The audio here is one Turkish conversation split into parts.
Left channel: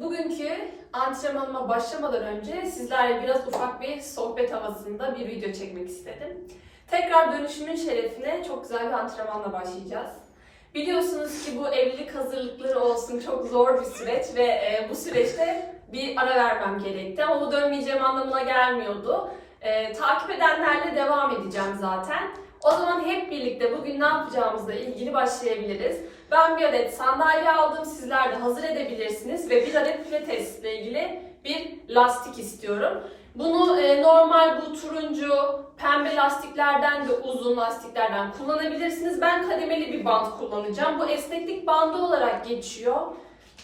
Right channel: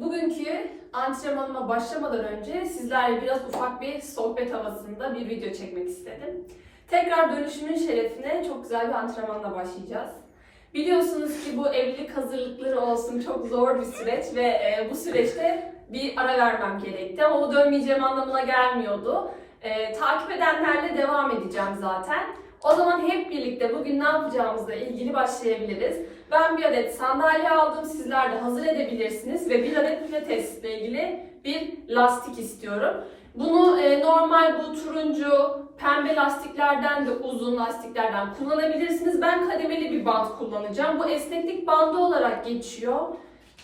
Bugünkü antrenmanıma başlamadan önce sizlerle biraz ufak bir sohbet havasında bir video çekmek istedim. Tekrar dönüşümün şerefine çok güzel bir antrenmanla başlayacağız. Biliyorsunuz ki bu evlilik hazırlıkları olsun çok zor bir süreç ve e, bu süreçte bir ara vermem gerekti ama o dönmeyeceğim anlamına gelmiyordu. E, takip edenlerle devam edeceğim zaten. O zaman hep birlikte bugün ne yapacağımızla ilgili başlayabiliriz. Ben bir adet sandalye aldım. Sizler de hazır edebilirsiniz ve bir adet pilates ile ilgili bir lastik istiyorum. Bunu e, normal bu turuncu, pembe lastiklerden de uzun lastiklerden kullanabilirsiniz. Ben kademeli bir bant kullanacağım. Bu esneklik bandı olarak geçiyor.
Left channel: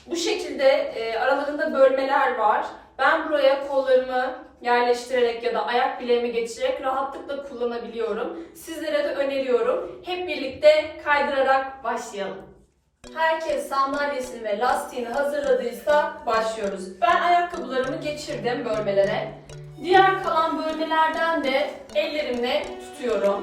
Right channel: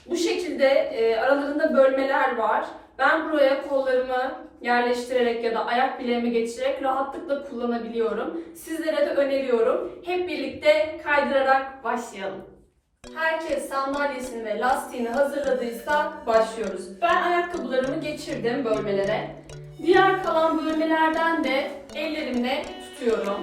Bu şekilde e, aralarında bölmeler var. Ben buraya kollarımı yerleştirerek ya da ayak bileğimi geçirerek rahatlıkla kullanabiliyorum. Sizlere de öneriyorum. Hep birlikte kaydırarak başlayalım. Herkes sandalyesini ve lastiğini hazırladıysa başlıyoruz. Ben ayakkabılarımı geçirdim bölmelere. Diğer kalan bölmelerden de ellerimle tutuyorum.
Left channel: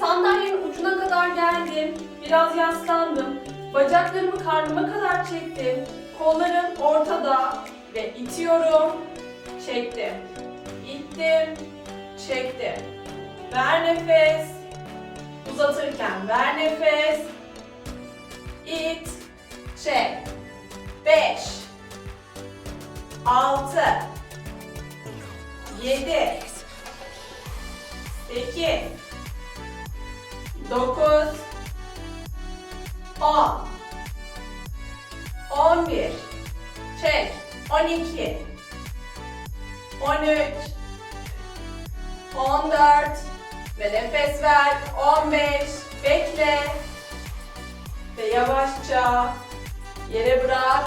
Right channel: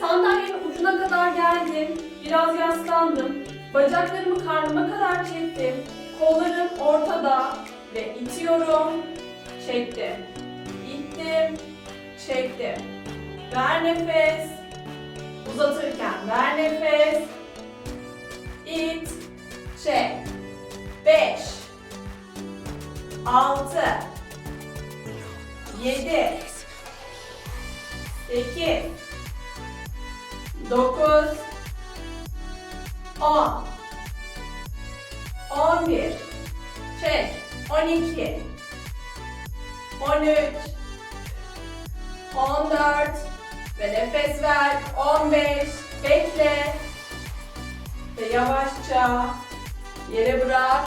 Sandalyenin ucuna kadar geldim. Biraz yaslandım. Bacaklarımı karnıma kadar çektim. Kollarım ortada ve itiyorum. Çektim. İttim. Çektim. Ver nefes. Uzatırken ver nefes. İt. Çek. 5 6 7 8 9 10 11 Çek 12 13 14 ve nefes ver 15 bekle ve yavaşça yere bırak.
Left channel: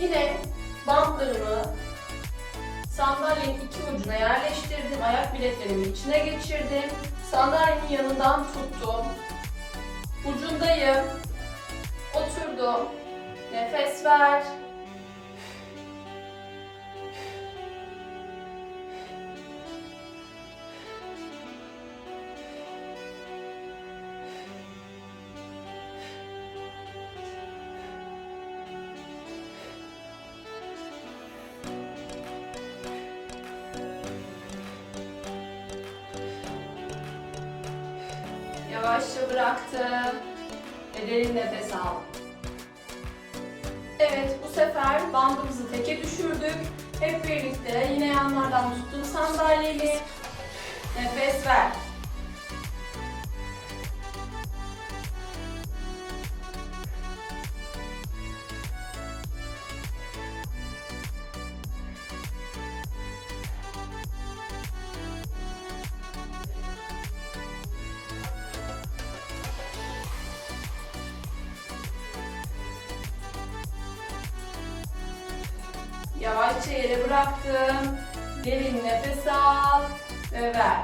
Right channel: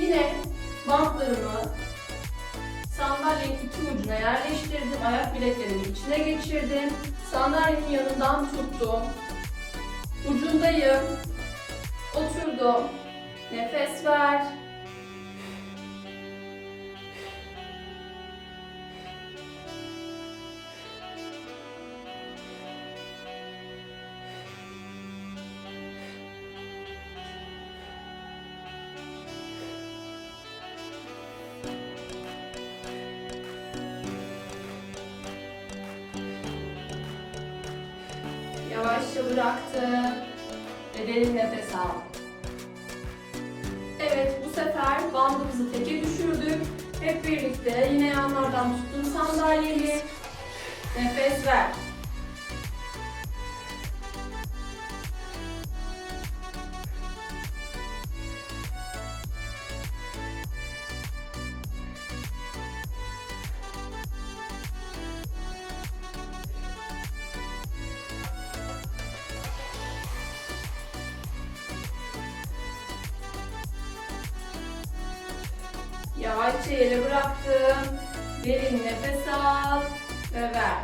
Yine bantlarımı sandalyenin iki ucuna yerleştirdim. Ayak bileklerimin içine geçirdim. Sandalyenin yanından tuttum. Ucundayım. Oturdum. Nefes ver. Yavaşça bıraktım. Ve derin nefes al. Evet, bu sefer bandımızı teke düşürdük. Hep birlikte yine yanlardan tuttum sandalyeyi. Nefes ver. Yavaşça yere bıraktım. Derin nefes al ve ver.